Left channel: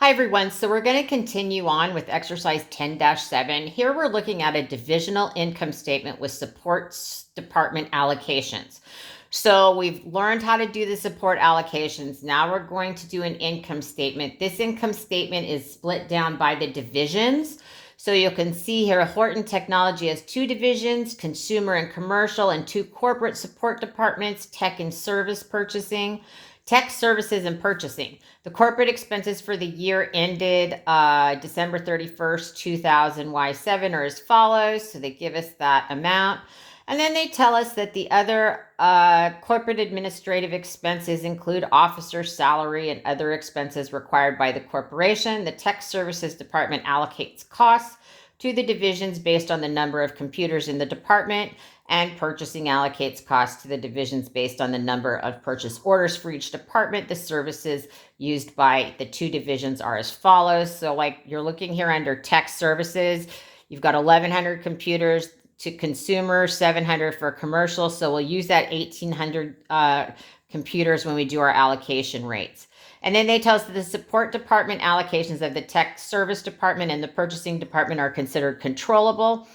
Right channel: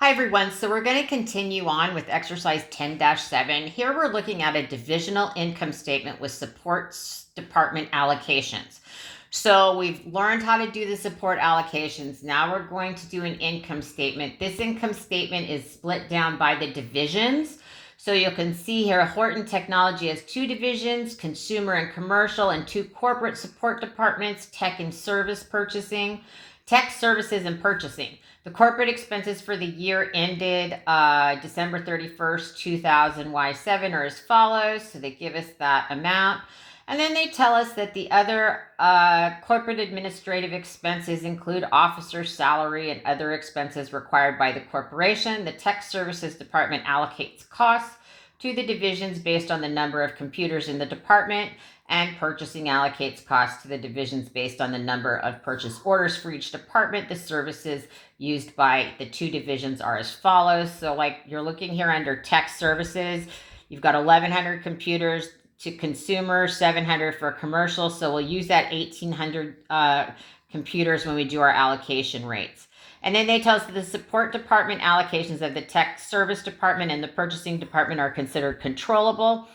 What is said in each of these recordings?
Hi everyone, so we're going to continue on with exercise 10-7. Here we're looking at a divisional income statement with support department allocations. So we've learned how to do the support allocations. Now we're going to do an income statement. This income statement is split down by the divisions. So you can see here Horton Technology has two divisions, consumer and commercial, and two corporate support departments, tech and service purchasing, tech services and purchasing. The corporate expenses for the year ended December 31st, 2000 Y7 are as follows. So they give us that amount. And then they tell us that the other corporate administrative expenses include officer salary and other expenses required by the corporation. The tech services department allocates costs to the divisions based on the number of computers in the department, and purchasing allocates costs to the divisions based on the number of purchase orders for each department. The services used by the two divisions are as follows. So like you're looking here under tech services, you've got 1,100 computers to consumer, 700 for commercial. So we'll use that 1,800 computers when we do our allocation rates. And then they tell us that the support department allocations of the tech service department and the purchasing department are considered controllable.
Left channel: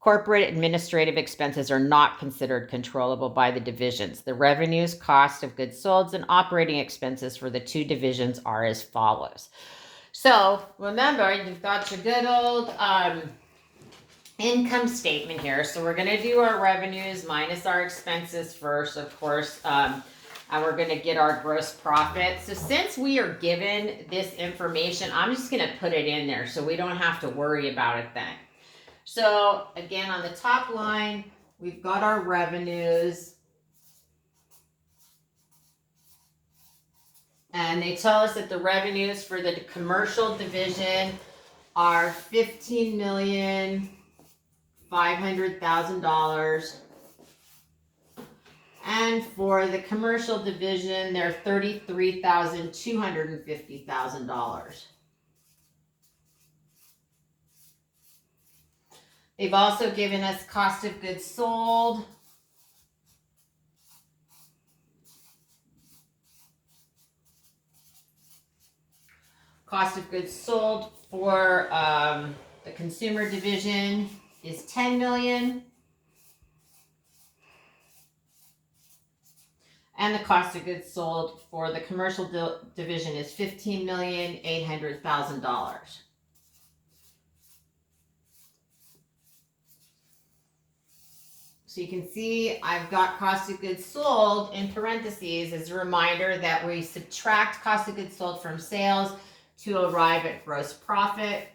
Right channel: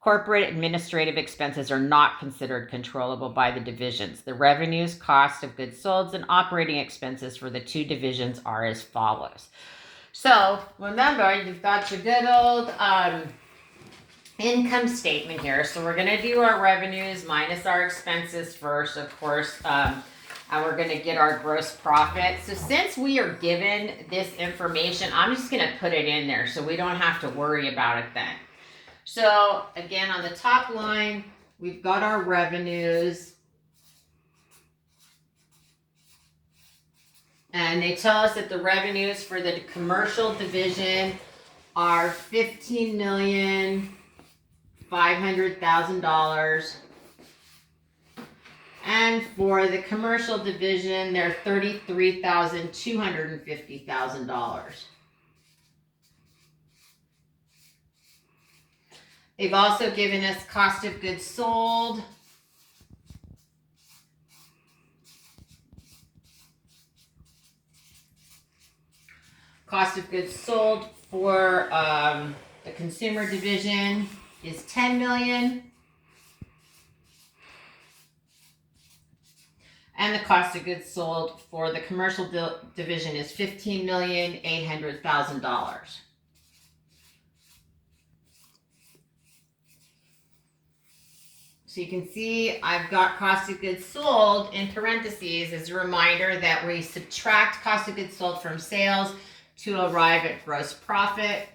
Corporate administrative expenses are not considered controllable by the divisions. The revenues, cost of goods sold, and operating expenses for the two divisions are as follows. So remember, you've got your good old income statement here. So we're going to do our revenues minus our expenses first, of course, and we're going to get our gross profit. So since we are given this information, I'm just going to put it in there so we don't have to worry about it then. So again, on the top line, we've got our revenues. And they tell us that the revenues for the commercial division are $15,500,000. And for the commercial division, they're $33,250,000. They've also given us cost of goods sold. Cost of goods sold for the consumer division is $10 million. And the cost of goods sold for the commercial division is $15,800,000. So you can see I've got cost of goods sold in parentheses as a reminder that we subtract cost of goods sold from sales to arrive at gross profit.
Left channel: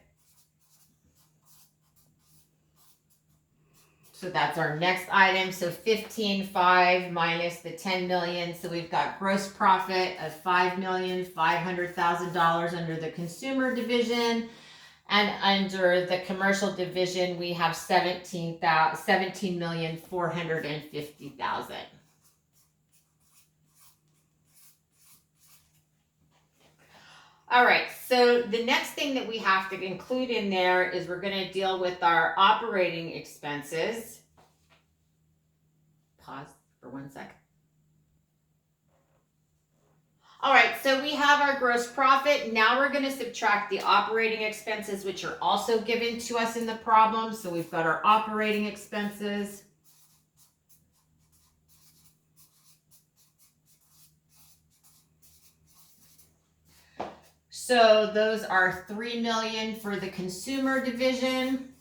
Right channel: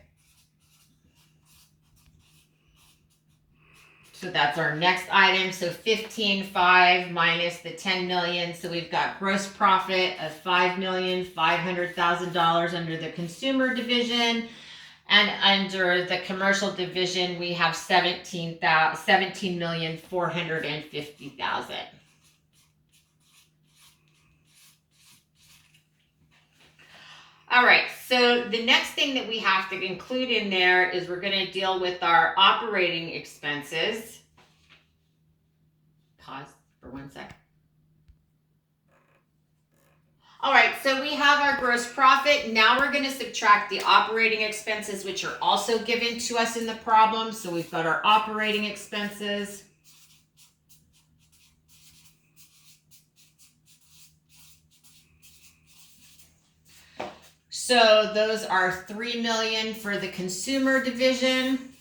So that's our next item. So 15.5 minus the 10 million. So we've got gross profit of $5,500,000 under the consumer division. And under the commercial division, we have $17,450,000. All right, so the next thing that we have to include in there is we're going to deal with our operating expenses. Pause for 1 second. All right, so we have our gross profit. Now we're going to subtract the operating expenses, which are also given to us in the problem. So we've got our operating expenses. So those are $3 million for the consumer division.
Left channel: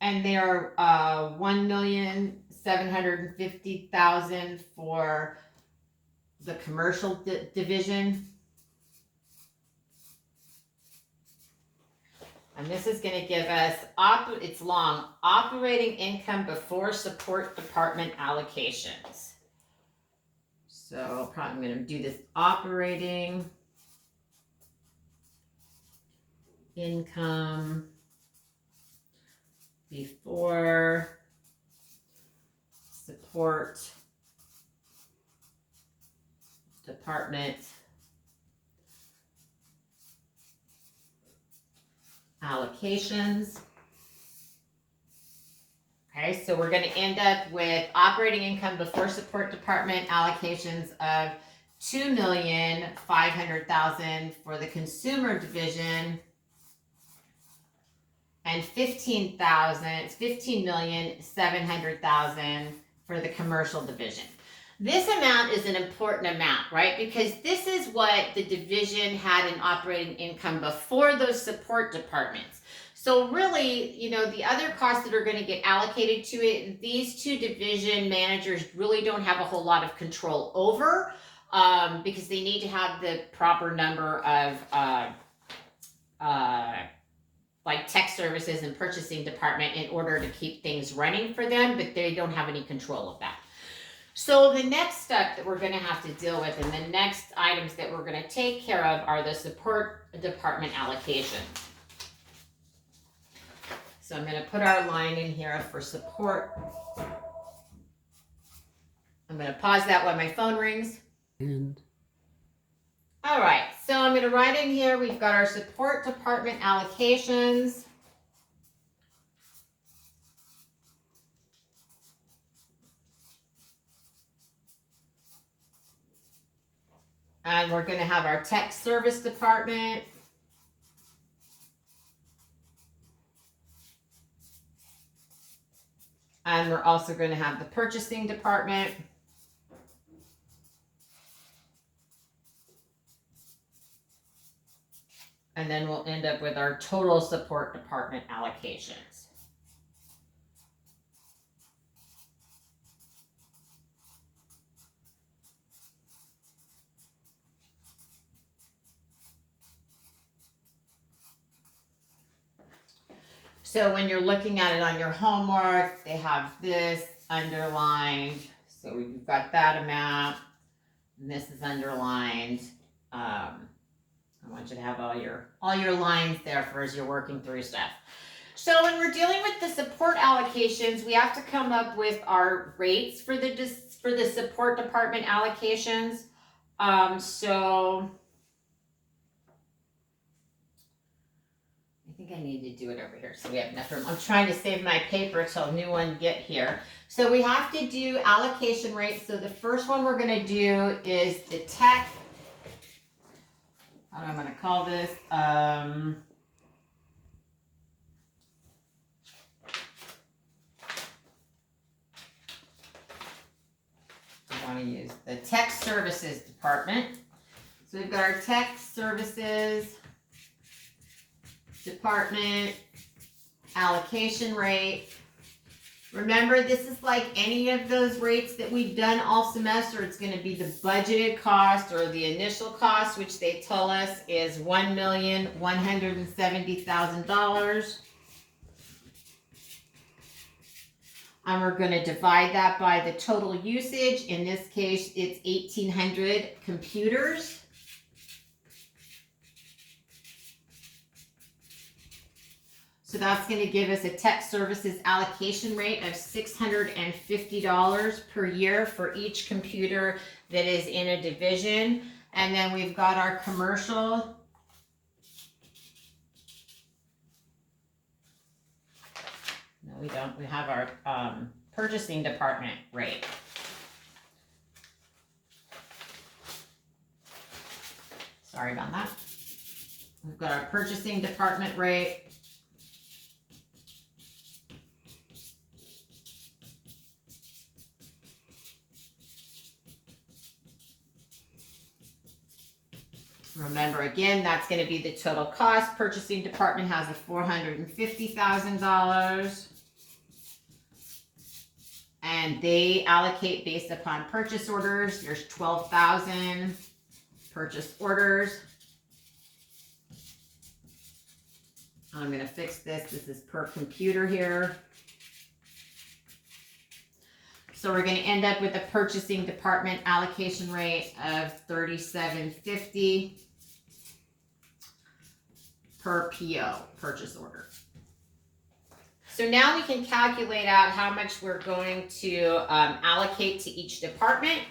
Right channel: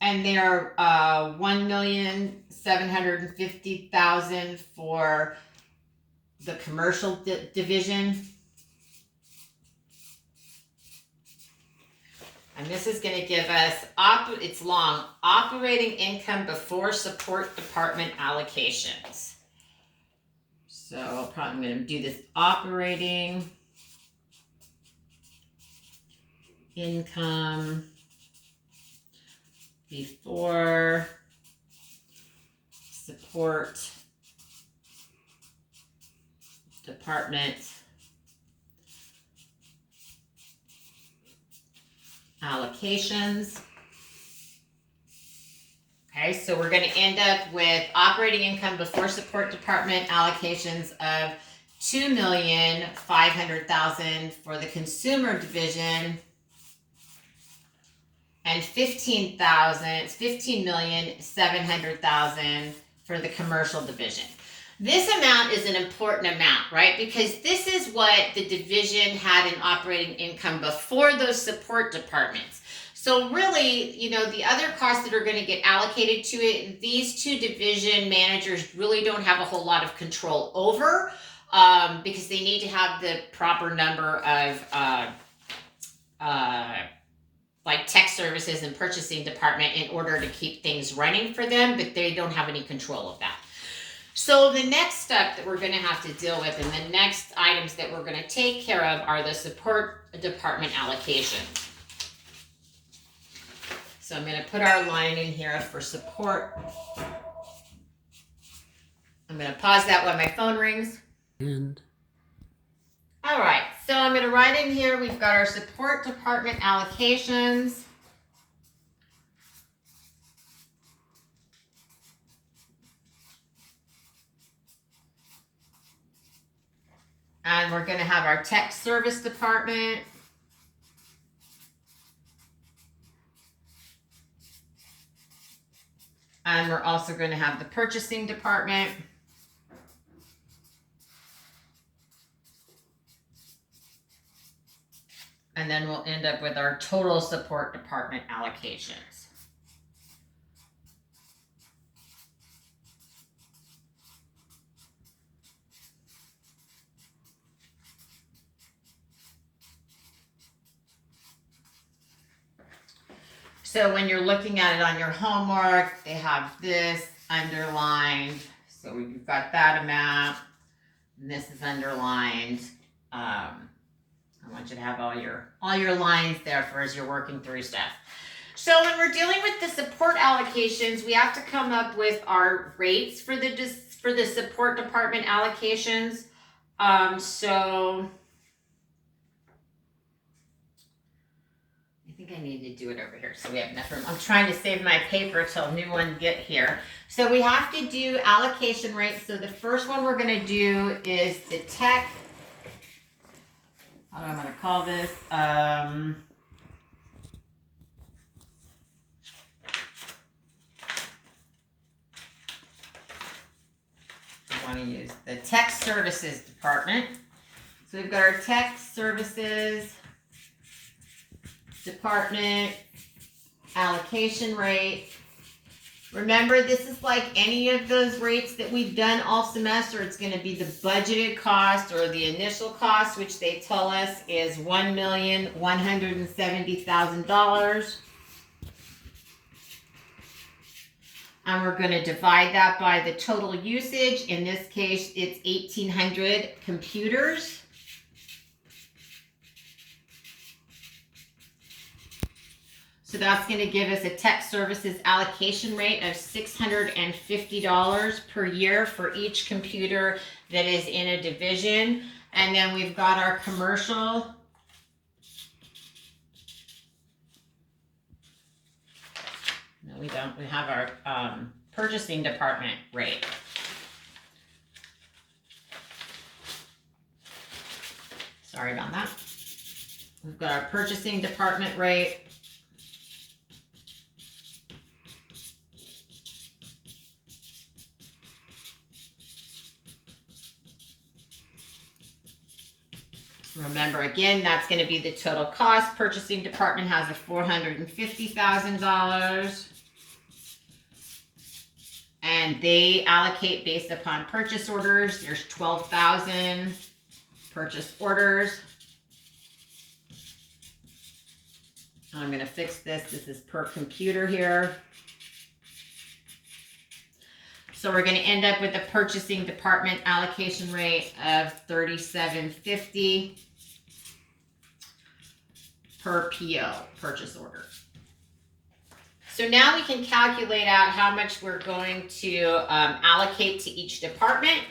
And they are $1,750,000 for the commercial division. And this is going to give us, it's long, operating income before support department allocations. So probably I'm going to do this operating income before support department allocations. Okay, so we're going to end up with operating income before support department allocations of $2,500,000 for the consumer division, and $15,700,000 for the commercial division. This amount is an important amount, right? Because this is what the division had in operating income before those support departments. So really, the other costs that are going to get allocated to it, these two division managers really don't have a whole lot of control over, because they need to have the proper number of like tech services and purchasing department in order to keep things running for them, but they don't have any control of that. So the next step that we're going to have to deal with, and the next items that we're going to take care of, are the support department allocations. So I'm going to put our line in here for support. I'm going to pause that when my phone rings. All right, so I'm going to write in here, we've got our support department allocations. And we're going to have our tech service department. And we're also going to have the purchasing department. And then we'll end up with our total support department allocations. So when you're looking at it on your homework, they have this underlined. So we've got that amount, and this is underlined. I want you to have all your lines there for as you're working through stuff. So when we're dealing with the support allocations, we have to come up with our rates for the support department allocations. So I think I need to do it over here so we have enough room. I'm trying to save my paper till new one get here. So we have to do allocation rates. So the first one we're going to do is the tech. I'm going to call this I want to use the tech services department. So we've got our tech services department allocation rate. Remember, this is like any of those rates that we've done all semester. It's going to be the budgeted cost or the initial cost, which they tell us is $1,170,000. And we're going to divide that by the total usage. In this case, it's 1,800 computers. So that's going to give us a tech services allocation rate of $650 per year for each computer that is in a division. And then we've got our commercial. No, we don't. We have our purchasing department rate. Sorry about that. We've got our purchasing department rate. Remember, again, that's going to be the total cost. Purchasing department has a $450,000. And they allocate based upon purchase orders. There's 12,000 purchase orders. I'm going to fix this. This is per computer here. So we're going to end up with a purchasing department allocation rate of $37.50 per PO, purchase order. So now we can calculate out how much we're going to allocate to each department.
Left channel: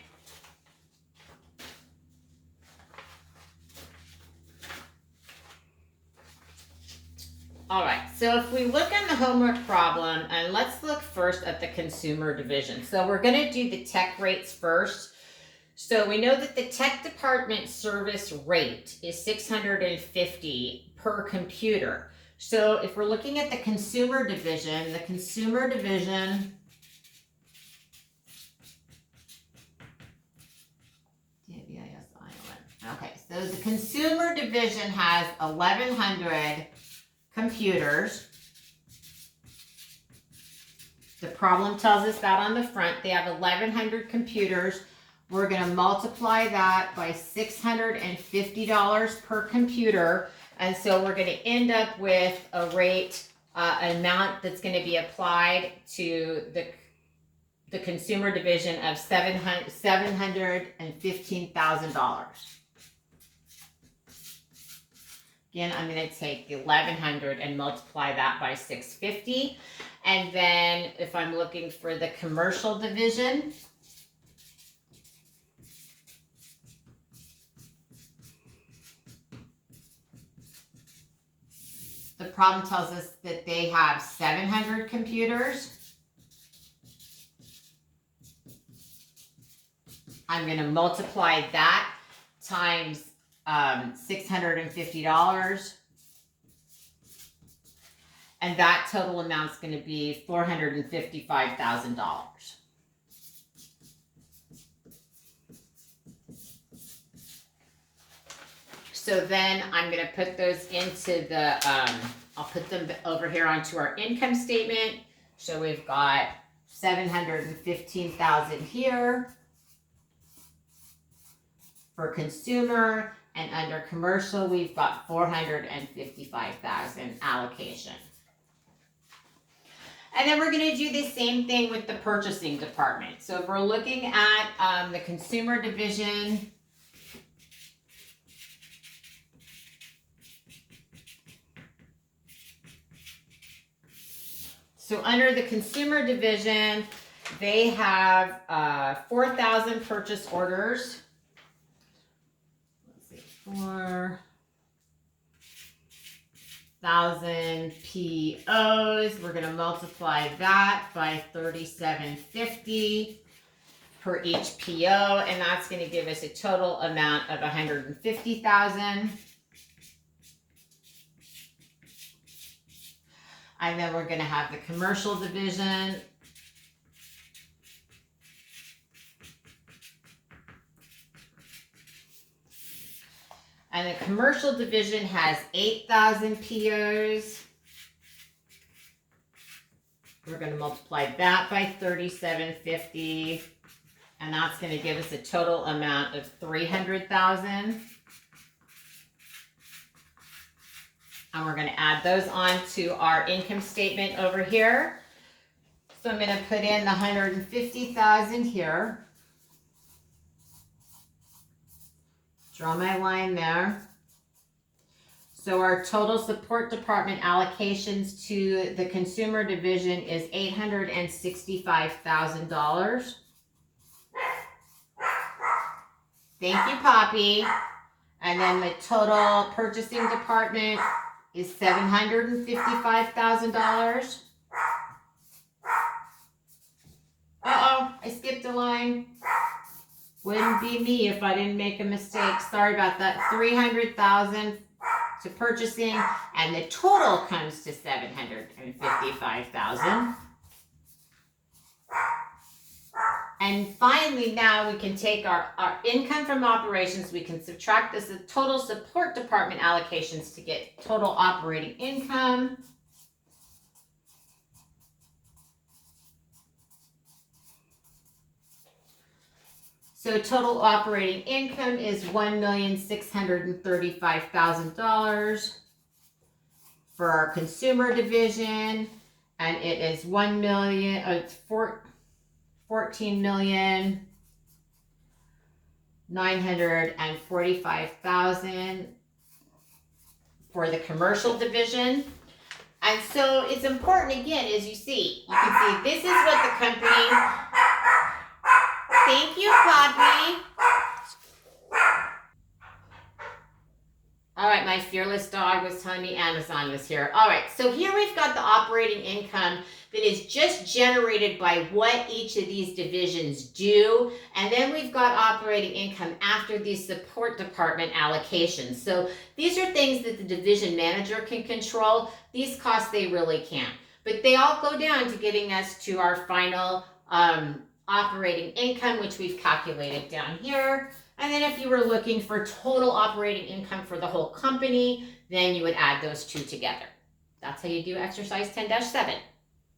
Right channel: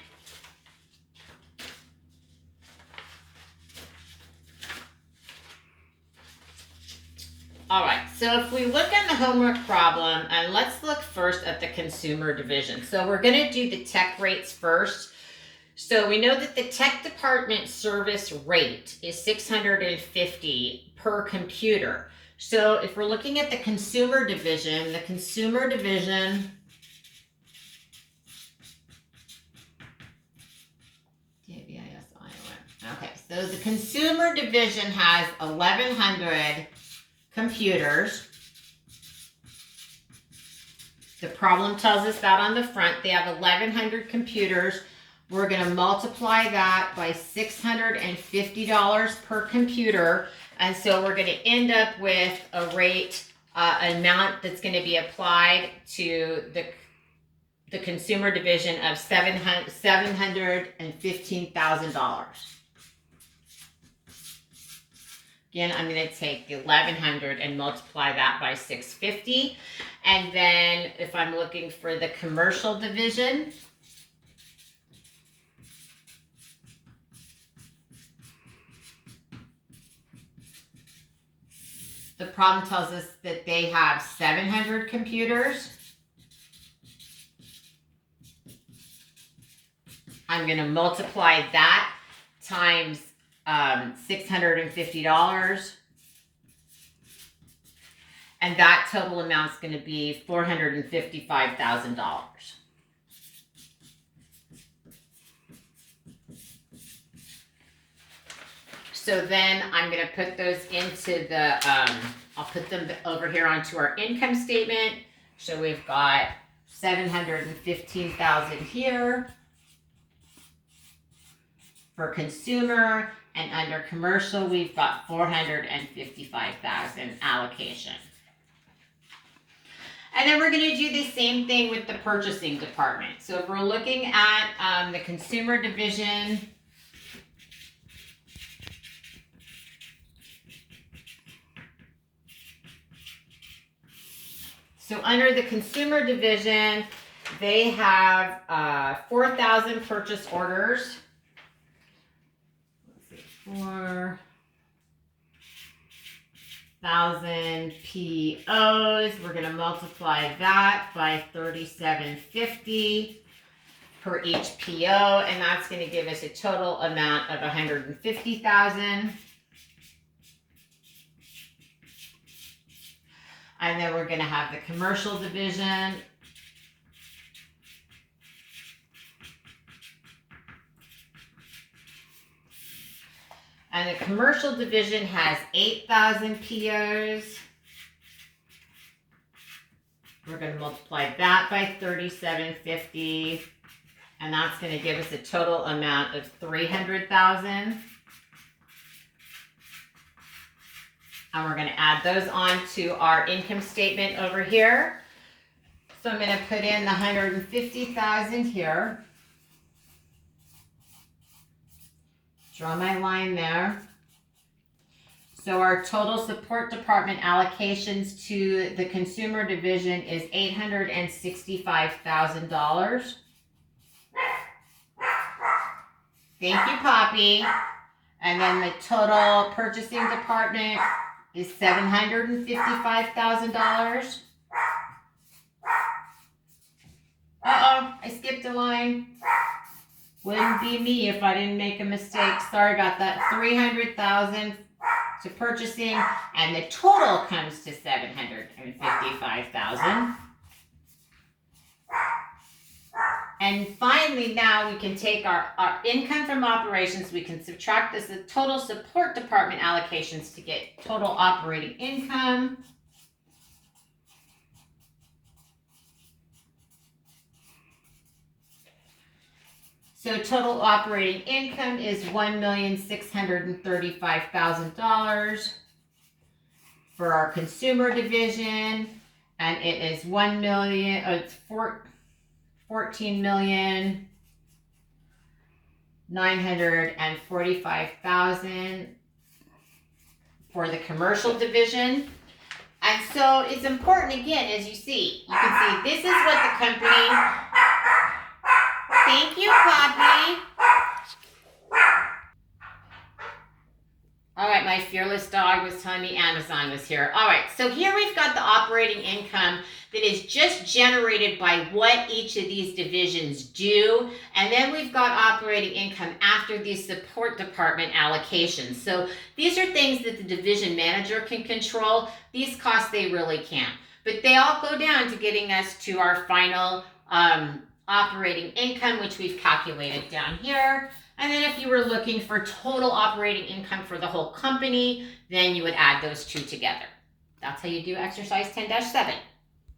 All right, so if we look at the homework problem, and let's look first at the consumer division. So we're going to do the tech rates first. So we know that the tech department service rate is $650 per computer. So if we're looking at the consumer division, okay, so the consumer division has 1,100 computers. The problem tells us that on the front. They have 1,100 computers. We're going to multiply that by $650 per computer. And so we're going to end up with a rate, amount that's going to be applied to the consumer division of $715,000. Again, I'm going to take the 1,100 and multiply that by 650. And then if I'm looking for the commercial division, the problem tells us that they have 700 computers. I'm going to multiply that times $650. And that total amount is going to be $455,000. So then I'm going to put those into the, I'll put them over here onto our income statement. So we've got $715,000 here for consumer, and under commercial, we've got $455,000 allocation. And then we're going to do the same thing with the purchasing department. So if we're looking at the consumer division, so under the consumer division, they have 4,000 purchase orders. Let's see, 4,000 POs. We're going to multiply that by $37.50 per each PO, and that's going to give us a total amount of $150,000. And then we're going to have the commercial division. And the commercial division has 8,000 POs. We're going to multiply that by $37.50. And that's going to give us a total amount of $300,000. And we're going to add those on to our income statement over here. So I'm going to put in the $150,000 here. Draw my line there. So our total support department allocations to the consumer division is $865,000. Thank you, Poppy. And then the total purchasing department is $755,000. Uh-oh, I skipped a line. Wouldn't be me if I didn't make a mistake. Sorry about that. $300,000 to purchasing, and the total comes to $755,000. And finally, now we can take our income from operations. We can subtract this the total support department allocations to get total operating income. So total operating income is $1,635,000 for our consumer division, and it is $14,945,000 for the commercial division. And so it's important, again, as you can see, this is what the company. Thank you, Poppy. All right, my fearless dog was telling me Amazon was here. All right, so here we've got the operating income that is just generated by what each of these divisions do. And then we've got operating income after these support department allocations. So these are things that the division manager can control. These costs they really can't. But they all go down to getting us to our final operating income, which we've calculated down here. And then if you were looking for total operating income for the whole company, then you would add those two together. That's how you do exercise 10-7.